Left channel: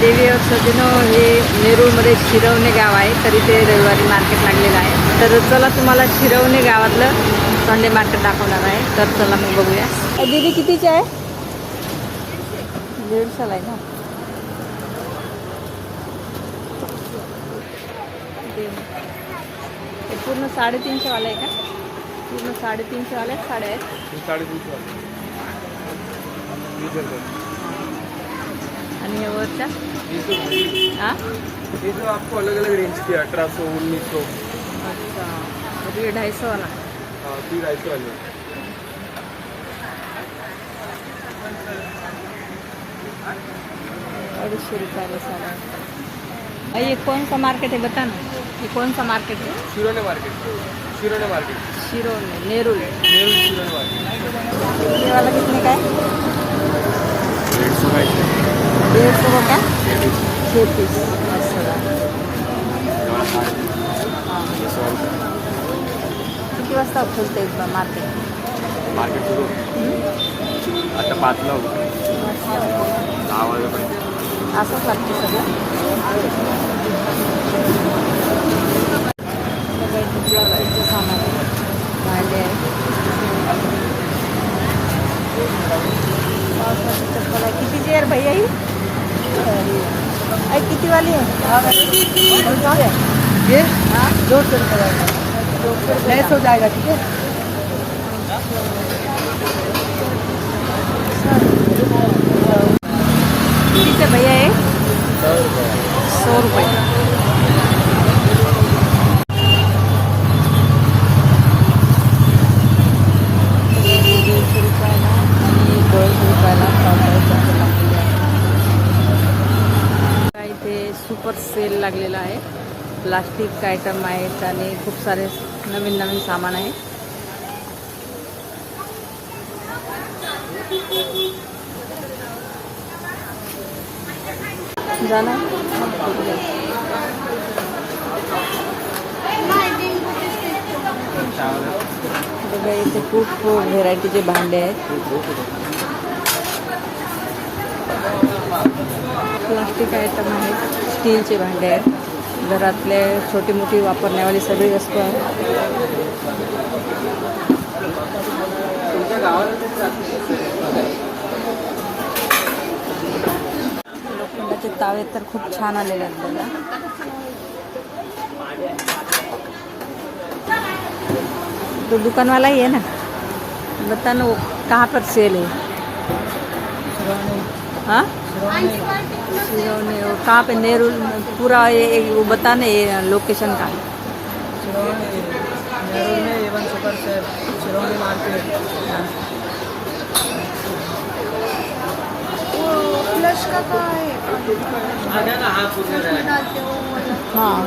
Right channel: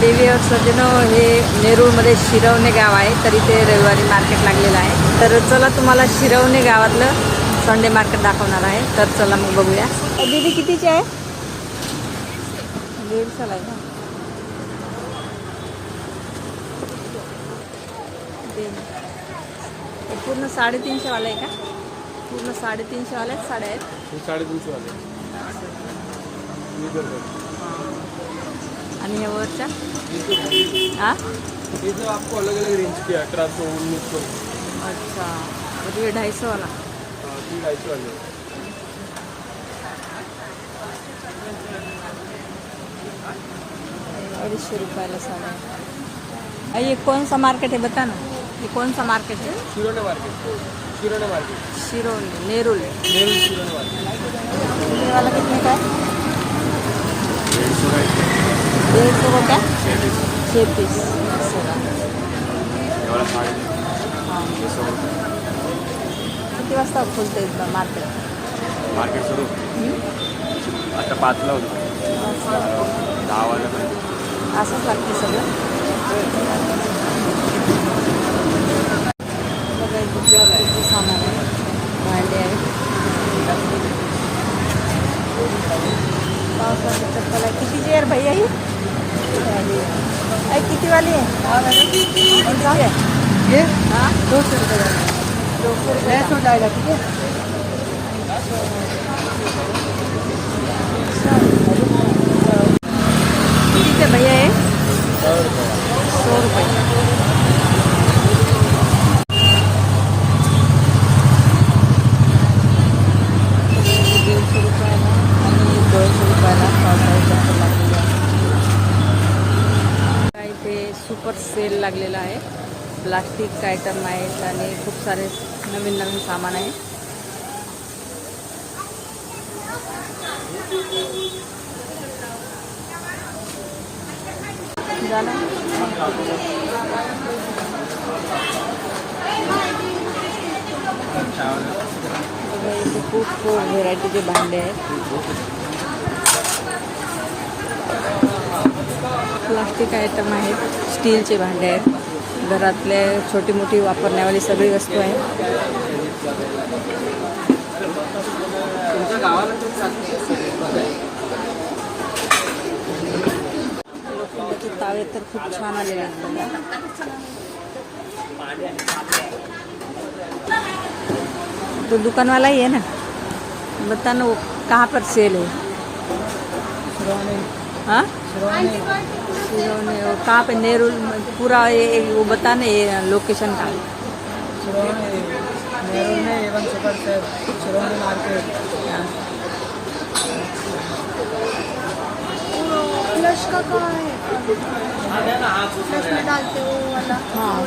देवी और सजनो हे नेरूळमध्ये शिरवणे गाव आहे. तर इथे रविवारी मार्केट लागलेलं आहे. तर चला तुम्हाला शिरवणे गावातलं संडे मार्केट दाखवणार आहे. तर चला मग बघूया. दीदी कितीची आहे? दीडशेला आहे ते हे पूर्ण साडेतीनशे वाला आहे का? पूर्ण साडेतीनशे वाल्या साड्या आहेत. साडेतीनशे आणि या वरच्या? हा? ये तो आपको अलग अलग रेंज की अठारह सौ उन्नीस सौ. अच्छा. म्हणजे हे ढाई वाला तीन ढाई सौ वाले अडीचशे रुपयाला साड्या. आहे. अ, ये कौन सा मार्केट है बता ना. ये कौन सा मार्केट है Shirwane market Shirwane market Shirwane Nerul Nehru Shirwane market ये वाला कितने का है डेढ़ सौ का डेढ़ सौ का क्या छः पीस छः पीस असं का हां. किती वाजता खुलते मार्केट? मार्केट सुरू? आता पाचला होतं. दहा वाजेपर्यंत. असंच लागते सगळं? बघा इथे सामान आहे. भांडे आहेत पावसाची चप्पल आहे. कितीची आहे रे भैया ही? आई किती वाली हा? आहे ये? हाँ। दो सौ रुपये जाएगा दो सौ रुपये सौ जाएगा ठीक है? भैया सौ रुपये सौ रुपये दीडशे रुपयाला आणि दोनशे रुपयाला पावसाळी चप्पल लागलेली आहे ते सुपर सेल लागलेला आहे. प्लास्टिक आयटम आहेत आणि खूप सारे नवीन नवीन सामान झालं बघा, इथे खूप व्हेरायटीचे भांडे आहेत. प्लास्टिक आयटम आहेत स्टीलचे भांडे आहेत. घरातले छोटी मोठी वापरण्यावाली सगळी वस्तू आहे. लोखंडाचे तावे तर खूप छान आलेले आहेत बघा. तो दुकान वाला ही है ना. बता ना वो कहाँ पर सेल है हाँ? सिरोने वो कहाँ पे नेहरू पूरा ये वो बता ना ये लोकेशन का। शिरोने नेहरू में एवन सुपर शिरोने मार्केट। हाँ। फ्लश का का है? फ्लश में डालते हो। हाँ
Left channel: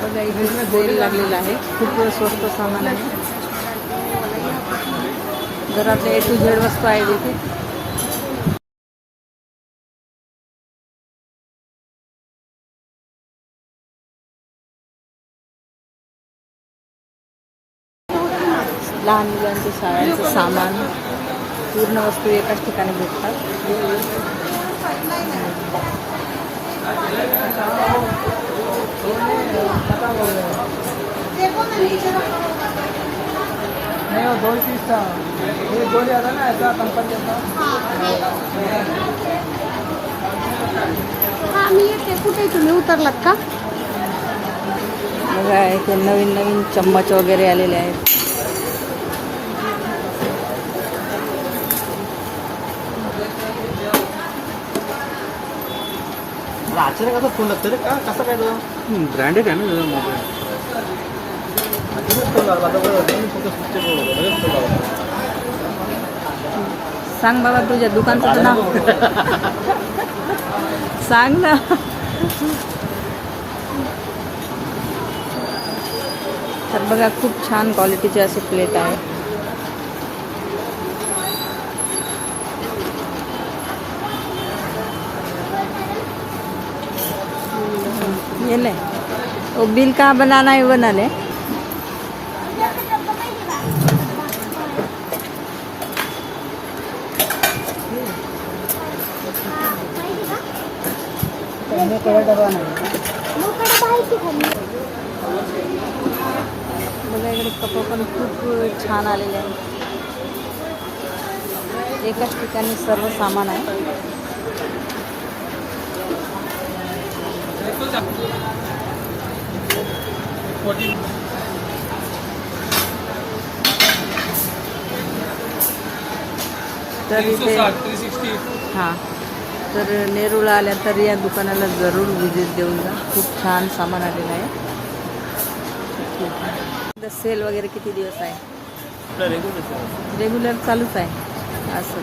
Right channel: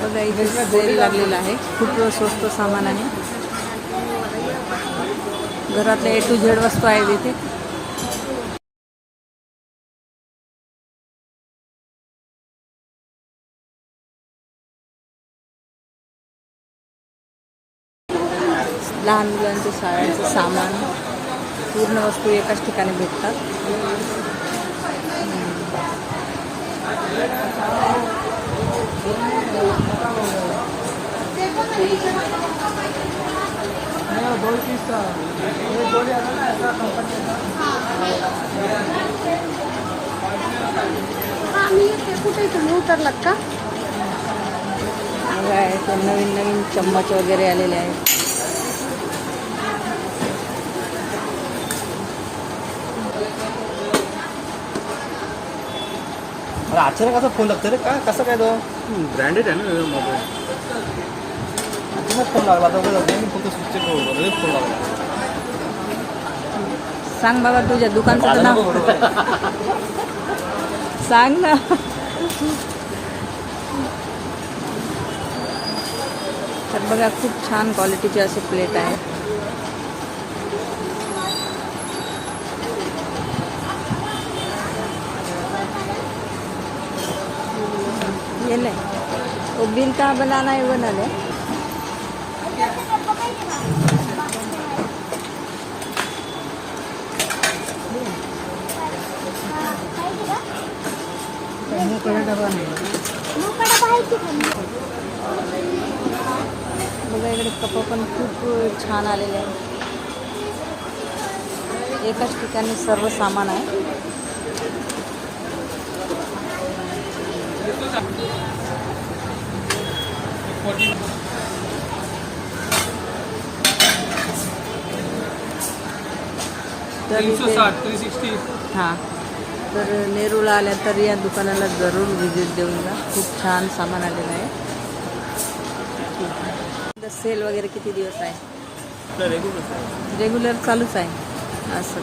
बघा इथे सेल लागलेला आहे खूप स्वस्त सामान आहे घरातल्या ए टू झेड वस्तू आहेत इथे लहान मुलांचे शाळांचं सामान, पूर्ण वस्तू एकाच ठिकाणी भेटतात. उतरलात का बघा इथे नवीन नवीन चम्मच वगैरे आलेले आहेत अचानक कसं फोन लागतं रे? का? कसं काय तो? ब्रँडेड आहे ना सांग बाबा, तुझ्या दुकानचं नाव. सांग ना. तर बघा, खूप छान क्वालिटीचे असे प्लेट आहे वो बिल कहाँ बनाना है वो बना ले डबा नाही। बघा इकडे कप पण खूप छान आलेले आहे एकाच ठिकाणी सर्व सामान आहे. तर इथे हाँ. तर नेरूळला आल्या तर या दुकानाला ज़रूर व्हिजिट देऊन जा. खूप छान सामान आलेलं आहे. सेल वगैरे किती दिवस आहे? रेग्युलर रेग्युलर चालूच आहे. असं.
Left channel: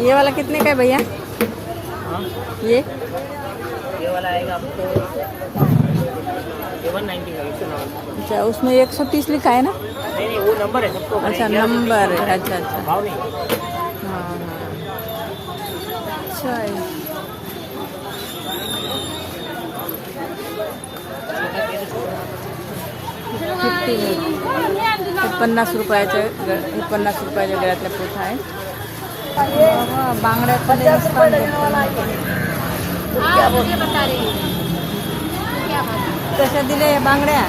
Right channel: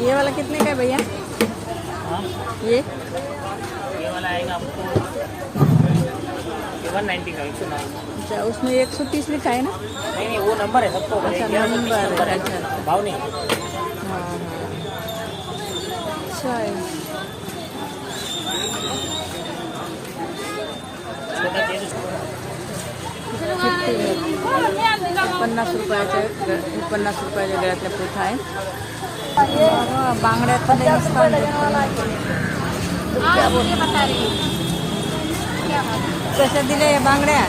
ये वाला कितने का है? भैया ये? ये वाला आएगा आपको अच्छा उसमें एक सौ तीस लिखा है ना? नहीं नहीं वो नंबर है सबको अच्छा नंबर अच्छा अच्छा। भाव नहीं हाँ। हाँ अच्छा है। फिफ्टी पन्नास रुपयाच्या पन्नास रुपयाच्या गळ्यातल्या पोथा आहे बाबा, बांगड्या कशा दिल्या या बांगड्या?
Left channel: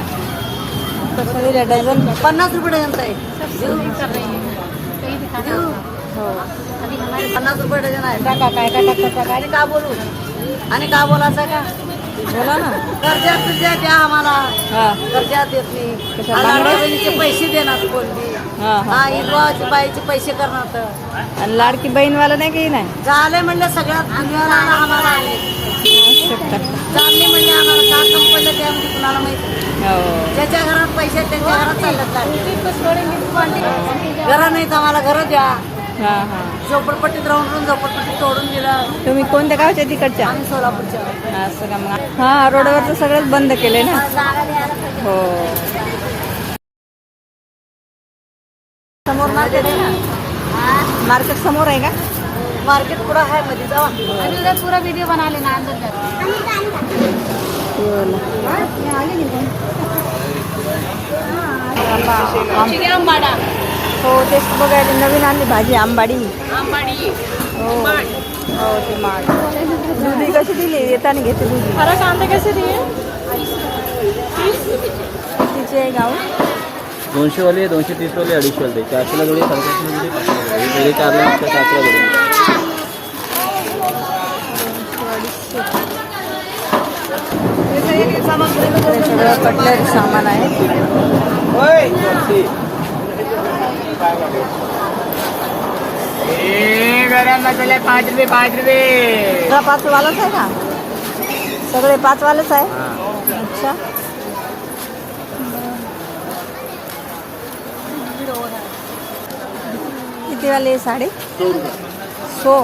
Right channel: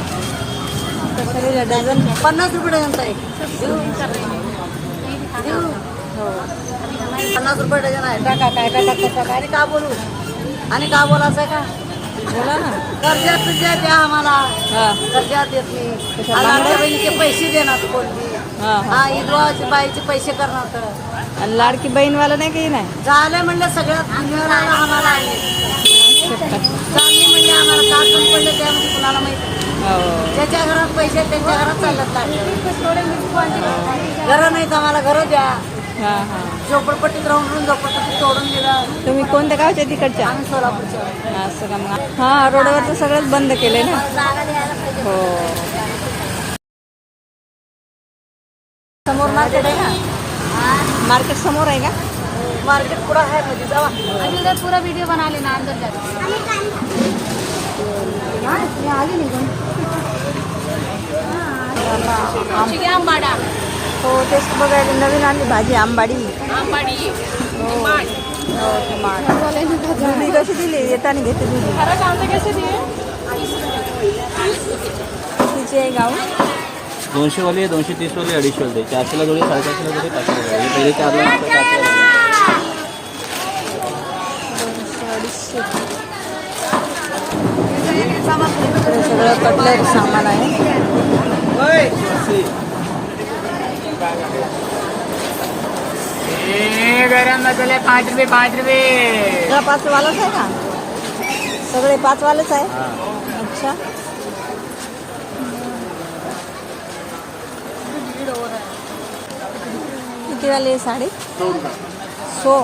कशा दिल्या? डझन पन्नास रुपये डझन आहे हो. पन्नास रुपये डझन आहे. टाका काय काय टाका टाका. आणि का बोलू? आणि का बोलायचं का? बोला ना. कर्जात तुझ्या द्या आम्हाला. कर्जात देत नाही? लाडक्या बहिणीचे पैसे देणार कोणती? हा इदवाचे बाईचे पैसे करणार तर. आणि लाडकी बहीणवाला नाही काही नाही झाले म्हणलं सगळ्यात आम्हाला. आले चालले म्हणले आम्हाला का पडलं त्यामध्ये कुणाला माहिती हो. ज्याच्या घरात पैसे आहेत, त्यांच्या घरात चालत लागले घरं नाहीत आम्हाला घरं द्या. हा हा. झोपडपट्टीत राहून राहून झोपडपट्टी तोडून दिलं. तुम्ही कोणत्या गावच्या तिकडच्या? आम्ही सोलापूरच्या. असं का मग हा रोडवरचं सगळंच बंद केलंय ना? जागा द्यायला पाहिजे हो. समोर मार्केट आहे का मार्केट समोर आहे का? मार्केट पुढं आहे मध्ये जावा पूरा वीडियो बना लेना अंदर आंबाडा हो तेच बघायला नवीन आणली भाजी आंबाडी। आंबाडी। हो हो ती माठ दुधी कशी दिली? येताना घेते दुधी. कांदे कसे दिए कितीची आहे गाऊन दोनशे वाले दोनशे तीस वाले अडीचशे वाले चारशेला जोडी साडेचारशेला जोडी पाचशेला जोडी जोडी चारला नसतं चारशेला जोडी दोनशे अडीचशे इकडे सगळं कटलरी सामान आहे गरम मसाले पाच रुपये पाच रुपये सगळा पाच आहे का सगळे पाच आहे अच्छा किती वाले साडी सो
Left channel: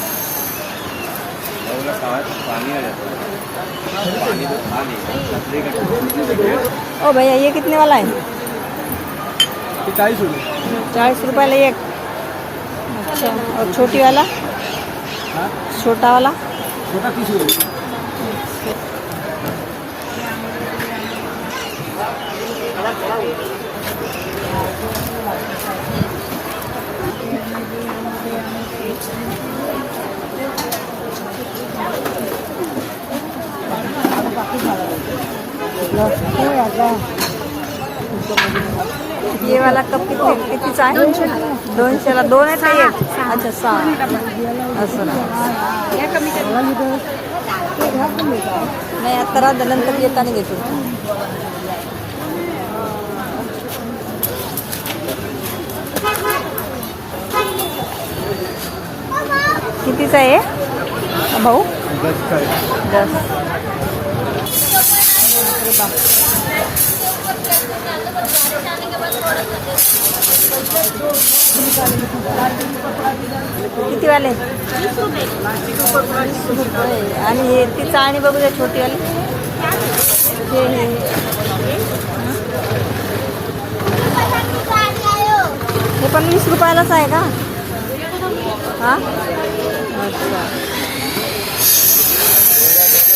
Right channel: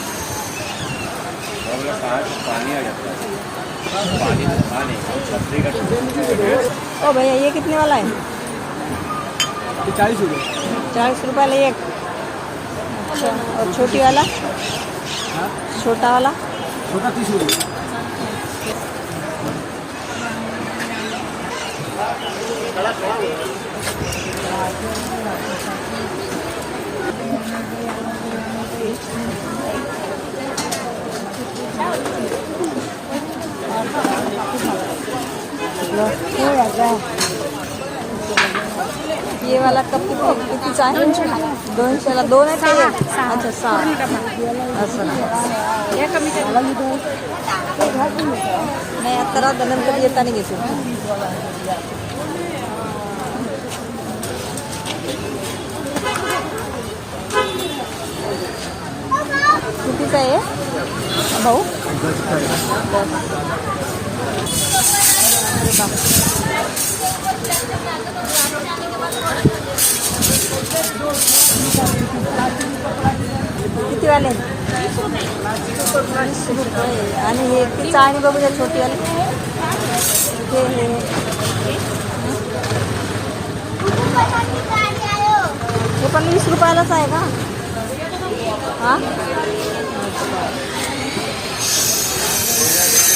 ओ भैया ये कितने वाला है? चालीस रुपये चालीस रुपयाला एक। अच्छा और छोटी वाला? छोटा वाला? छोटा तीस रुपये ये वाला कप किती कितीचा आहे दोनशेला दोनशेला दोन आहेत का एक अच्छा सहा असं नाही नाही। आता राहू दे, नंतर येताना घेते कितीचा आहे भाऊ दस अरे बाप कितीवाले? वीस रुपये आणि हे ती चाळणी बघूया छोटीवाली. हे हे. हे पण वीस रुपयालाच आहे का? हा? अच्छा Yes.